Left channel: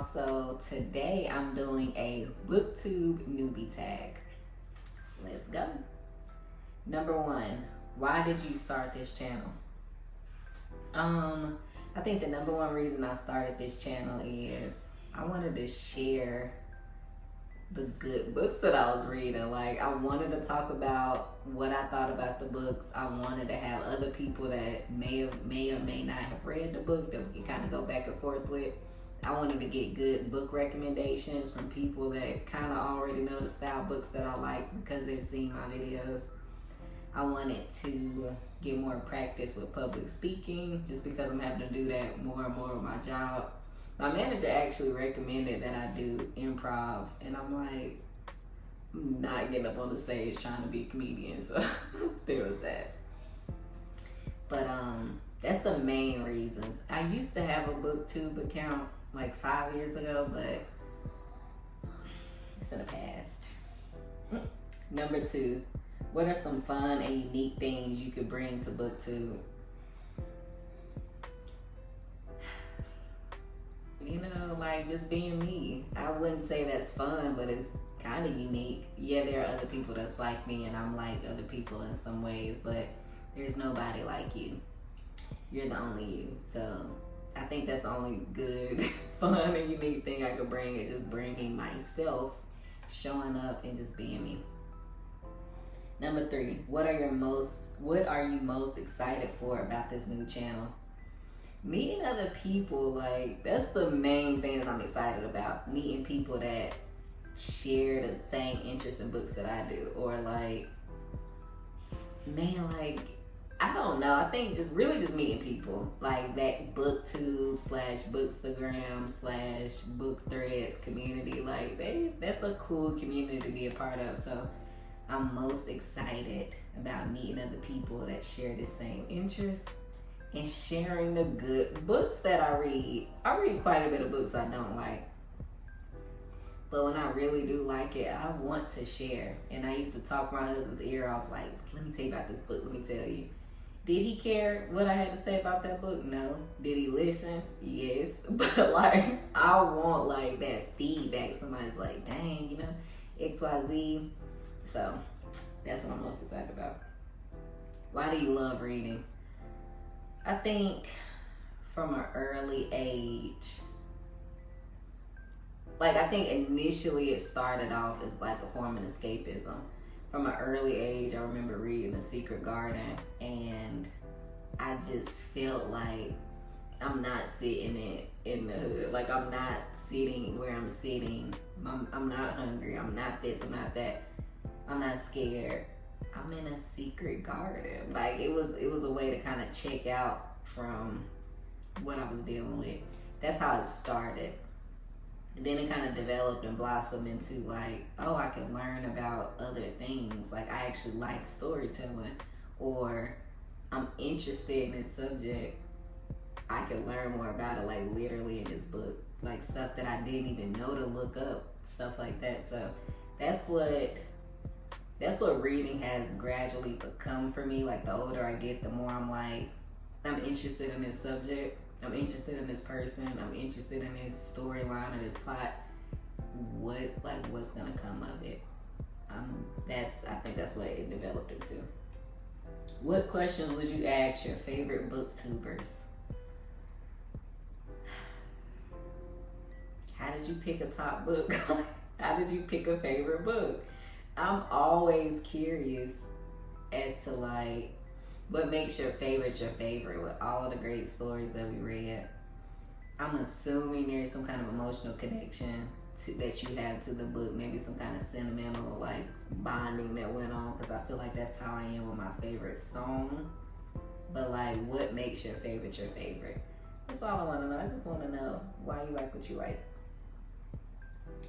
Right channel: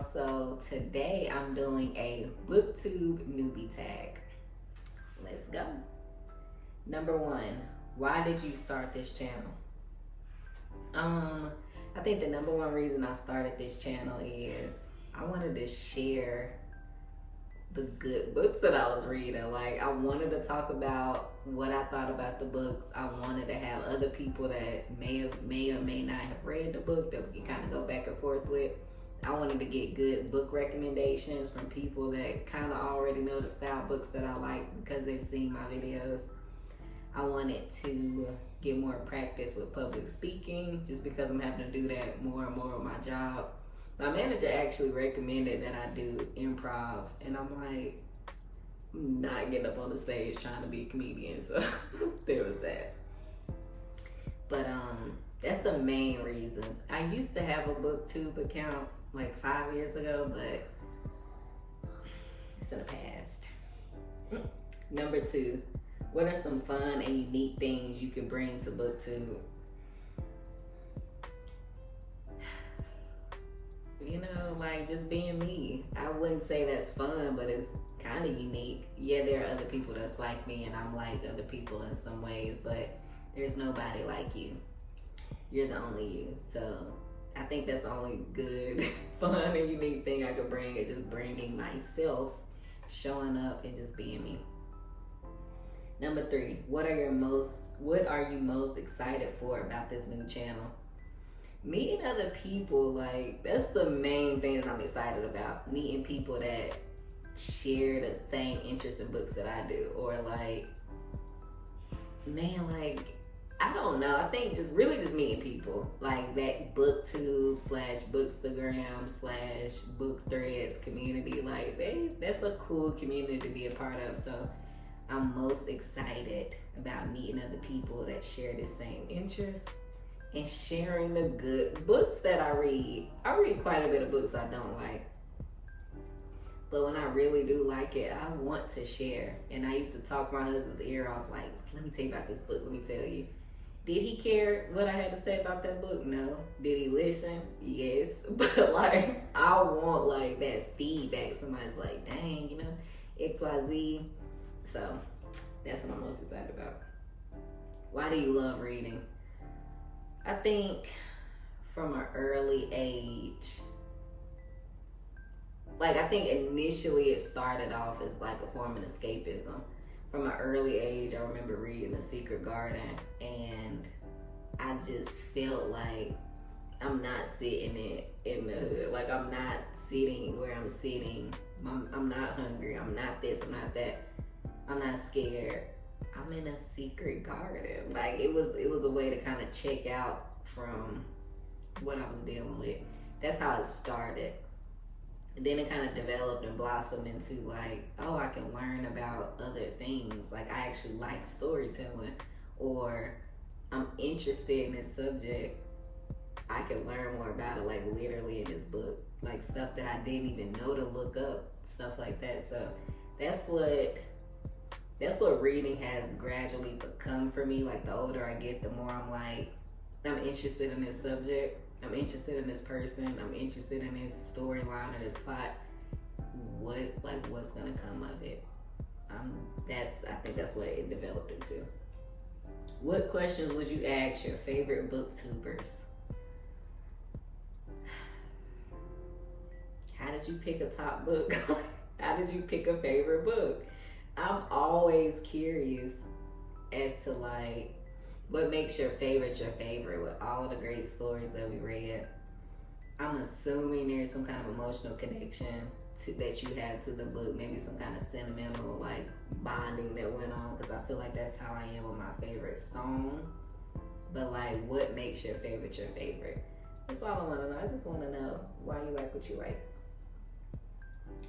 So today I'm doing a BookTube newbie tag. Let's go. Number 1, why did you start this channel? I think the number 1 reason I started this channel is I wanted to share the good books that I was reading. Like, I wanted to talk about what I thought about the books. I wanted to have other people that may or may not have read the book that we can kind of go back and forth with. I wanted to get good book recommendations from people that kind of already know the style books that I like because they've seen my videos. I wanted to get more practice with public speaking just because I'm having to do that more and more with my job. My manager actually recommended that I do improv, and I'm like, I'm not getting up on the stage trying to be a comedian, so there was that. But that's the main reasons. I used to have a BookTube account like 5 years ago, but it's in the past. Number 2, what are some fun and unique things you could bring to BookTube? You know, like just being me. I wouldn't say that's fun, but it's kind of unique. Yeah, there are other people that's like me, and I'm like other people in some ways, but there's nobody like you. You're the only you. So I think that's the only good, fun, and unique thing I could bring is just bringing myself, showing up, and just being me. Number 3, what are you most excited for about this new channel? Meeting other people, like, that's the main thing that I'm excited about. Meeting people that share the same interest in books that I do. Or like, man, like, I don't know. I think just meeting people. Like that BookTube / Bookstagram / Book Threads community. Like, that's a cool community to be a part of. So I'm most excited about meeting other people that share the same interests and sharing the good books that I read. I read quite a bit of books I don't like, but when I really do like it, I want to share. And I used to talk my husband's ear off, like, let me tell you about this book, let me tell you. Did he care what I had to say about that book? No. Did he listen? Yes. But like, I want like that feedback. Somebody's like, dang, you know, XYZ. So that's what I'm most excited about. Why do you love reading? I think from an early age, like I think initially it started off as like a form of escapism. From an early age, I remember reading The Secret Garden, and I just felt like I'm not sitting in the hood. Like, I'm not sitting where I'm sitting. I'm not hungry. I'm not this, I'm not that. I'm not scared. I'm in a secret garden. Like, it was a way to kind of check out from what I was dealing with. That's how it started. And then it kind of developed and blossomed into like, oh, I can learn about other things. Like, I actually like storytelling, or I'm interested in this subject. I can learn more about it, like literally in this book. Like stuff that I didn't even know to look up, stuff like that. So that's what reading has gradually become for me. Like, the older I get, the more I'm like, I'm interested in this subject. I'm interested in this person. I'm interested in this storyline or this plot. What's gonna come of it? I think that's what it developed into. What questions would you ask your favorite booktubers? How did you pick a top book? How did you pick a favorite book? I'm always curious as to like, what makes your favorite with all of the great stories that we read. I'm assuming there's some kind of emotional connection that you have to the book, maybe some kind of sentimental like bonding that went on, because I feel like that's how I am with my favorite song. But like, what makes your favorite? That's all I want to know. I just want to know why you like what you like.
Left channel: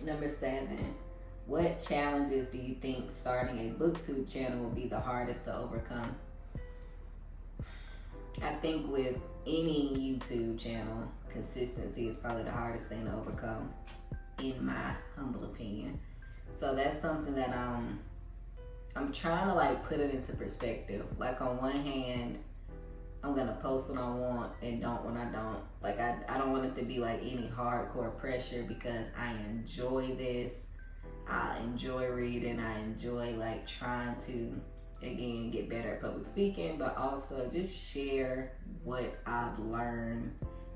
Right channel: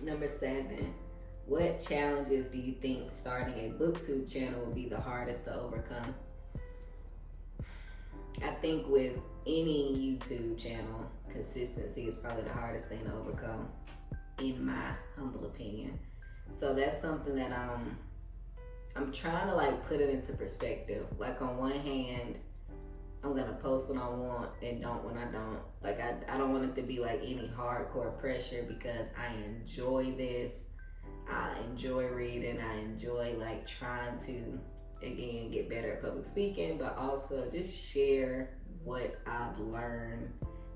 Number 7, what challenges do you think starting a BookTube channel will be the hardest to overcome? I think with any YouTube channel, consistency is probably the hardest thing to overcome, in my humble opinion. So that's something that I'm trying to like put it into perspective. Like, on one hand, I'm gonna post when I want and don't when I don't. Like I don't want it to be like any hardcore pressure because I enjoy this. I enjoy reading. I enjoy like trying to, again, get better at public speaking, but also just share what I've learned,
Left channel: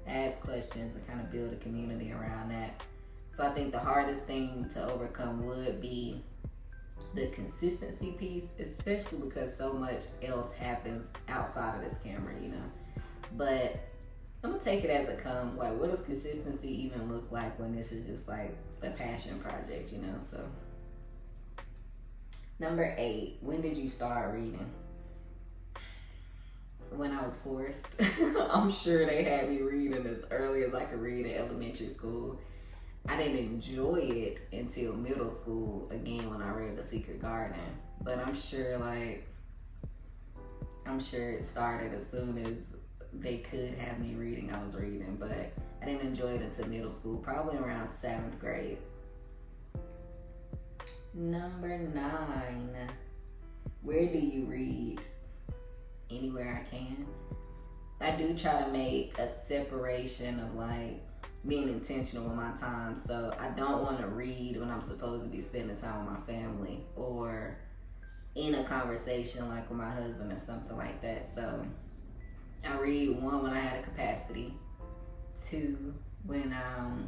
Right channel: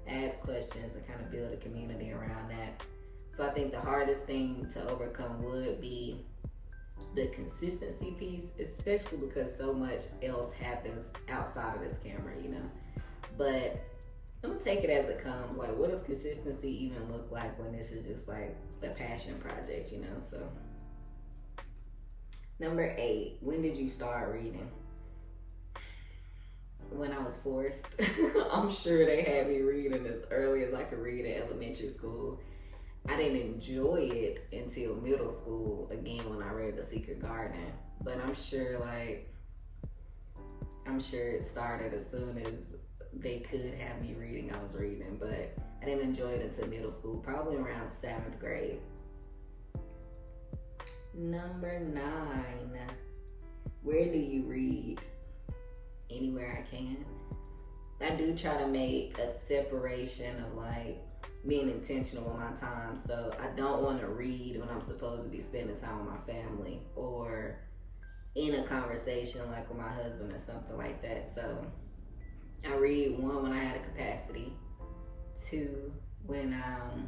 ask questions, and kind of build a community around that. So I think the hardest thing to overcome would be the consistency piece, especially because so much else happens outside of this camera, you know. But I'm gonna take it as it comes. Like, what does consistency even look like when this is just like a passion project, you know? So, number 8, when did you start reading? When I was forced. I'm sure they had me reading as early as I could read in elementary school. I didn't enjoy it until middle school, again, when I read The Secret Garden. But I'm sure it started as soon as they could have me reading, I was reading. But I didn't enjoy it until middle school, probably around 7th grade. Number 9, where do you read? Anywhere I can. I do try to make a separation of like being intentional with my time. So I don't want to read when I'm supposed to be spending time with my family or in a conversation like with my husband or something like that. So I read, 1, when I had a capacity, 2, when I'm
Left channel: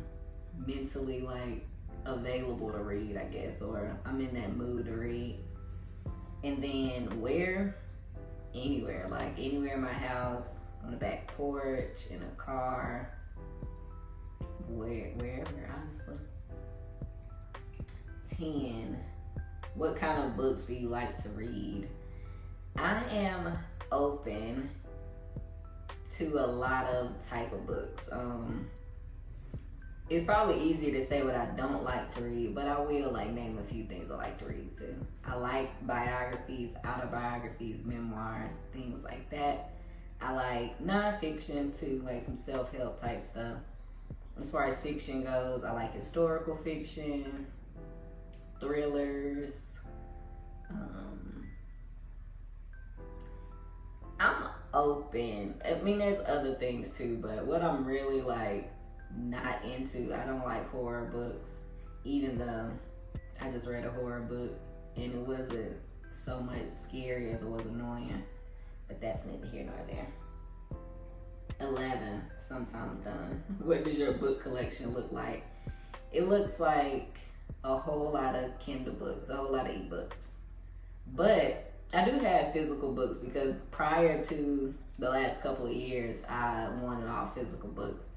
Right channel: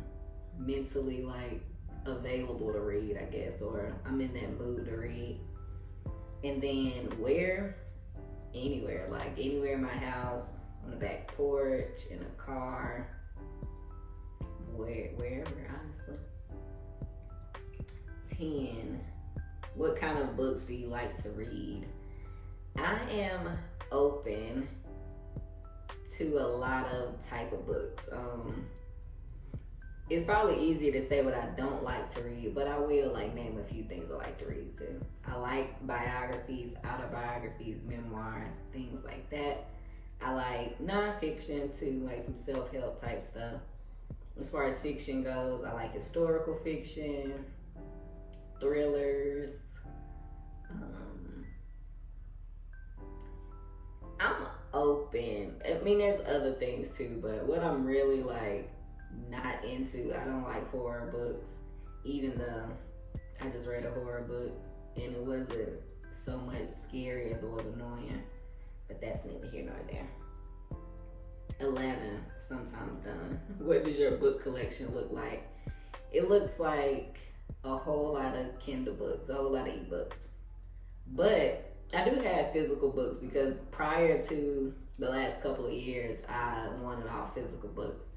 mentally like available to read, I guess, or I'm in that mood to read. And then where? Anywhere, like anywhere in my house, on the back porch, in a car, wherever, honestly. 10, what kind of books do you like to read? I am open to a lot of type of books. It's probably easier to say what I don't like to read, but I will like name a few things I like to read too. I like biographies, autobiographies, memoirs, things like that. I like nonfiction too, like some self-help type stuff. As far as fiction goes, I like historical fiction, thrillers. I'm open. I mean, there's other things too, but what I'm really like not into, I don't like horror books, even though I just read a horror book and it wasn't so much scary as it was annoying, but that's neither here nor there. 11, sometimes done. What does your book collection look like? It looks like a whole lot of Kindle books, a whole lot of ebooks, but I do have physical books because prior to the last couple of years, I wanted all physical books.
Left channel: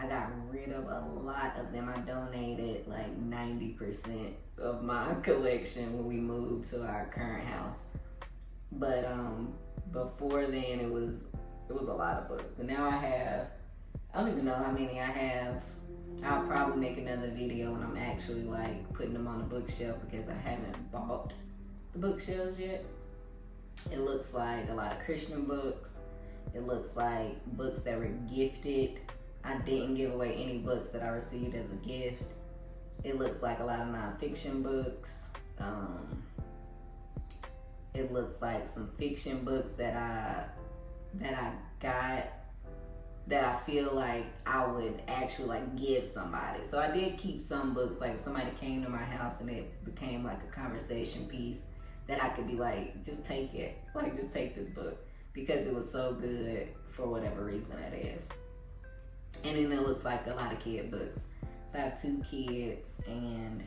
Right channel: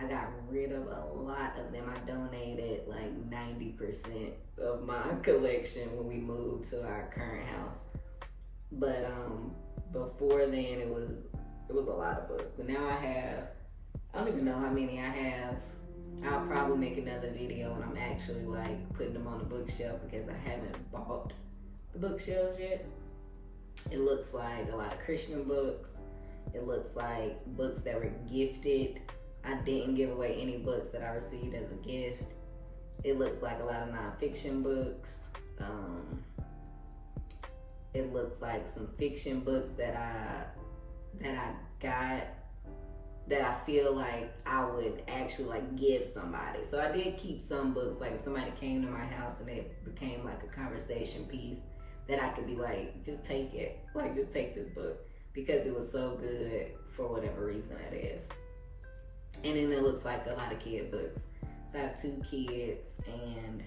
I got rid of a lot of them. I donated like 90% of my collection when we moved to our current house. But before then, it was a lot of books. And now I don't even know how many I have. I'll probably make another video when I'm actually like putting them on the bookshelf because I haven't bought the bookshelves yet. It looks like a lot of Christian books. It looks like books that were gifted. I didn't give away any books that I received as a gift. It looks like a lot of nonfiction books. It looks like some fiction books that I got that I feel like I would actually like give somebody. So I did keep some books, like if somebody came to my house and it became like a conversation piece, that I could be like, just take it. Like, just take this book because it was so good for whatever reason it is. And then it looks like a lot of kid books. So I have 2 kids and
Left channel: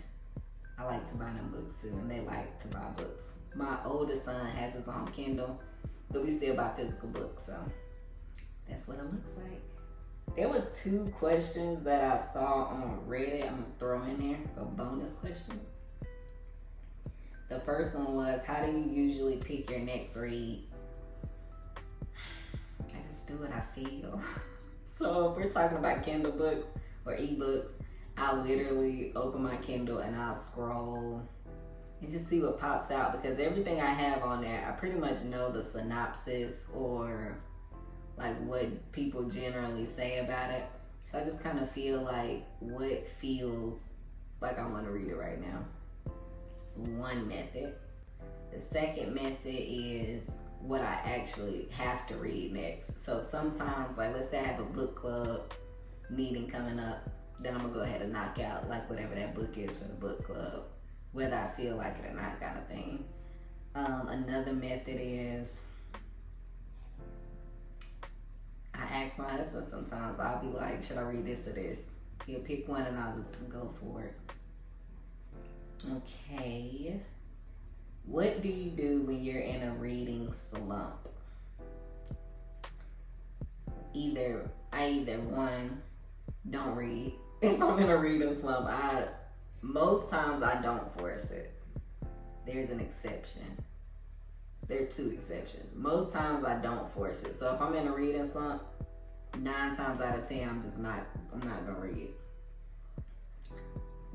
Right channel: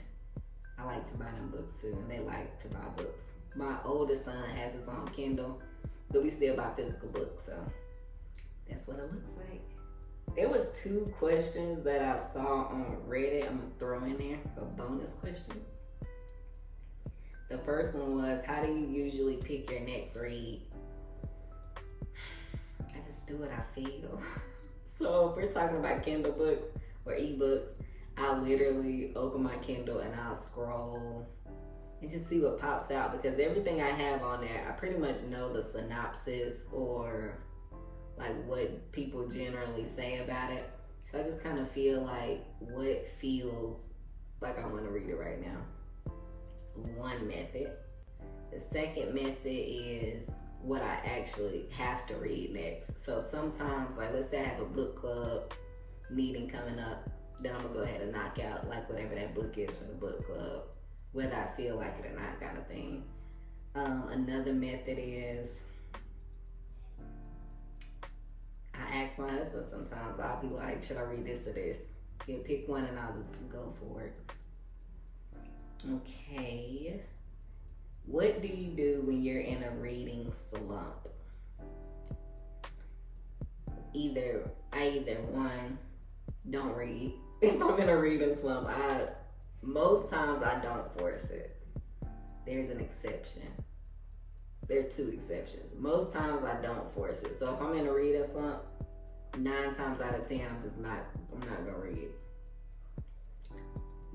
I like to buy them books too, and they like to buy books. My oldest son has his own Kindle, but we still buy physical books, so that's what it looks like. There was 2 questions that I saw on Reddit I'm gonna throw in there for bonus questions. The first one was, how do you usually pick your next read? I just do what I feel. So if we're talking about Kindle books or ebooks, I literally open my Kindle and I'll scroll and just see what pops out, because everything I have on there, I pretty much know the synopsis or like what people generally say about it. So I just kind of feel like what feels like I want to read it right now. It's one method. The second method is what I actually have to read next. So sometimes, like let's say I have a book club meeting coming up, then I'm gonna go ahead and knock out like whatever that book is for the book club, whether I feel like it or not, kind of thing. Another method is I ask my husband sometimes. I'll be like, should I read this or this? He'll pick one and I'll just go for it. Okay. What do you do when you're in a reading slump? I either one, don't read. If I'm in a reading slump, most times I don't force it. There's an exception. There's two exceptions. Most times I don't force it. So if I'm in a reading slump, 9 times out of 10, I'm not gonna read.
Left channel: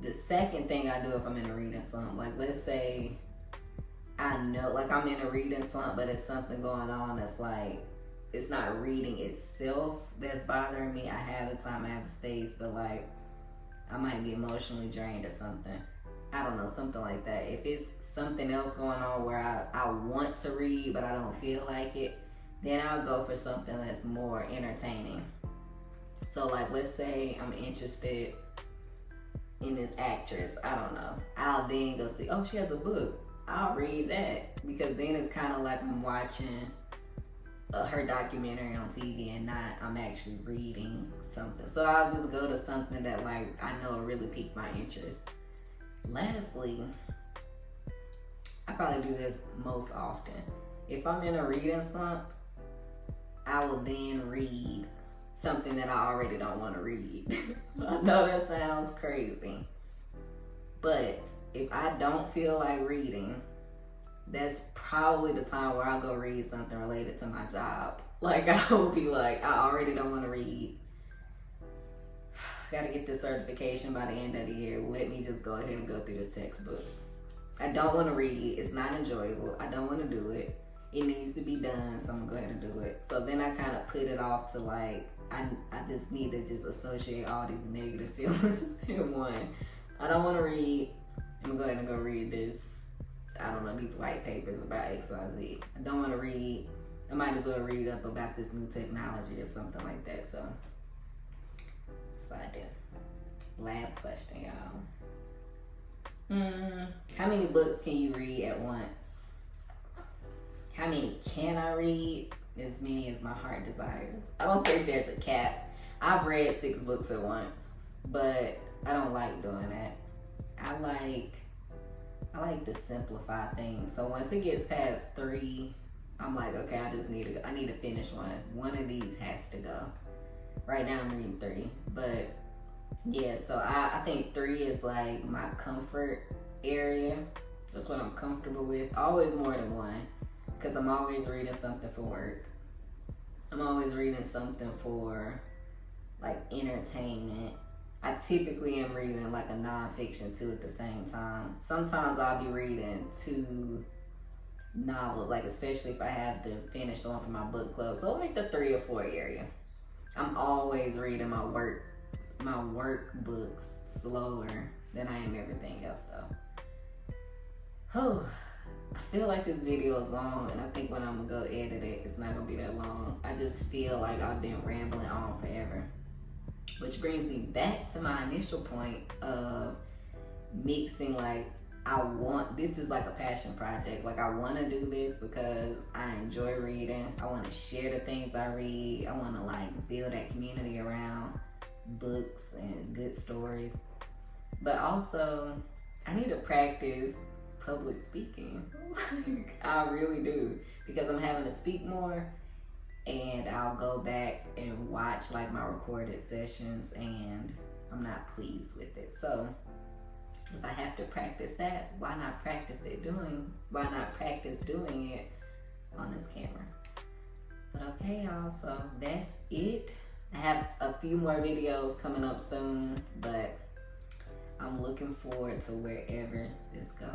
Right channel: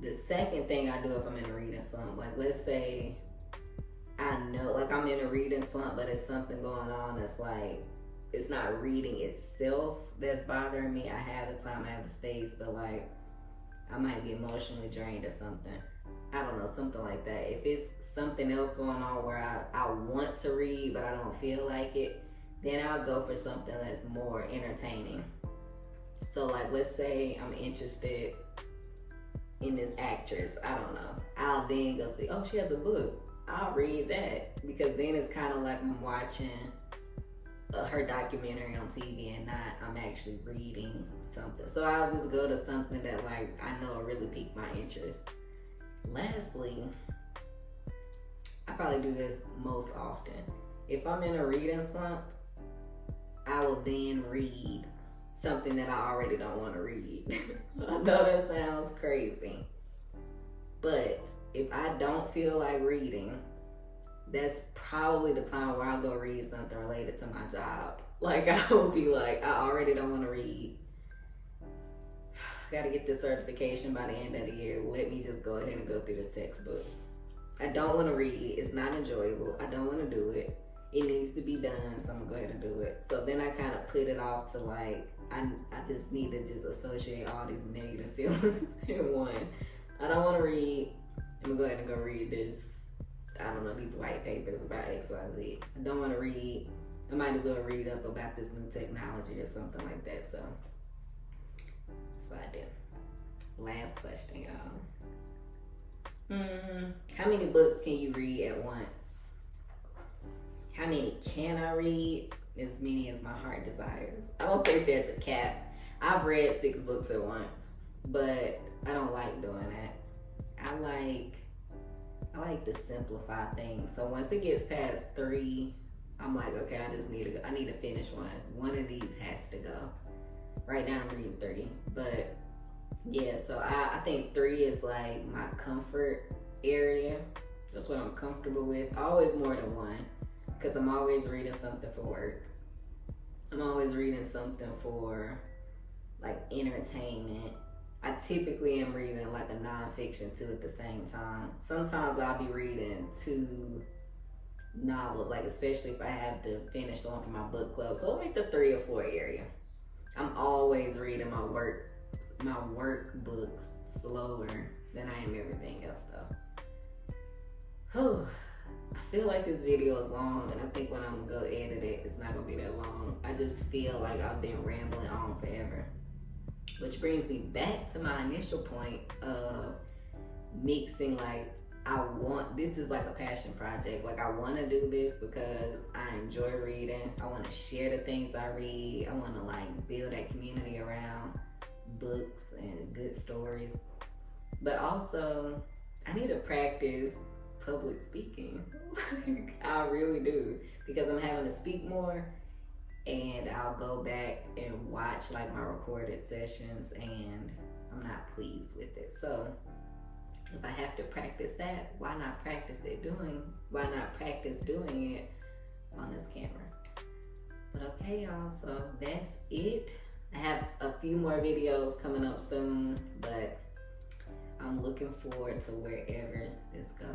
The second thing I do if I'm in a reading slump, like let's say I know, like I'm in a reading slump, but it's something going on that's like, it's not reading itself that's bothering me. I have the time, I have the space, but like I might be emotionally drained or something. I don't know, something like that. If it's something else going on where I want to read, but I don't feel like it, then I'll go for something that's more entertaining. So like, let's say I'm interested in this actress, I don't know. I'll then go see, oh, she has a book. I'll read that, because then it's kind of like I'm watching her documentary on TV and not I'm actually reading something. So I'll just go to something that like I know really piqued my interest. Lastly, I probably do this most often. If I'm in a reading slump, I will then read something that I already don't want to read. I know that sounds crazy, but if I don't feel like reading, that's probably the time where I'll go read something related to my job. Like I will be like, I already don't want to read. Gotta get this certification by the end of the year. Let me just go ahead and go through this textbook. I don't want to read. It's not enjoyable. I don't want to do it. It needs to be done, so I'm gonna go ahead and do it. So then I kind of put it off to like, I just need to just associate all these negative feelings in one. I don't want to read. I'm gonna go ahead and go read this, I don't know, these white papers about XYZ. I don't want to read. I might as well read up about this new technology or something like that. So that's what I do. Last question, y'all. How many books can you read at once? How many can I read? As many as my heart desires. I don't think there's a cap. I've read 6 books at once, but I don't like doing that. I like to simplify things. So once it gets past 3, I'm like, okay, I need to finish one. One of these has to go. Right now I'm reading 3, but yeah, so I think 3 is like my comfort area. That's what I'm comfortable with. Always more than 1, because I'm always reading something for work. I'm always reading something for like entertainment. I typically am reading like a nonfiction too at the same time. Sometimes I'll be reading 2 novels, like especially if I have to finish one for my book club. So like the 3 or 4 area. I'm always reading my work books slower than I am everything else though. I feel like this video is long, and I think when I'm gonna go edit it, it's not gonna be that long. I just feel like I've been rambling on forever. Which brings me back to my initial point of mixing, like this is like a passion project. Like I want to do this because I enjoy reading. I want to share the things I read. I want to like build that community around books and good stories. But also, I need to practice public speaking. I really do, because I'm having to speak more. And I'll go back and watch like my recorded sessions, and I'm not pleased with it. So if I have to practice that, why not practice doing it on this camera? But okay, y'all, so that's it. I have a few more videos coming up soon, but I'm looking forward to wherever this goes.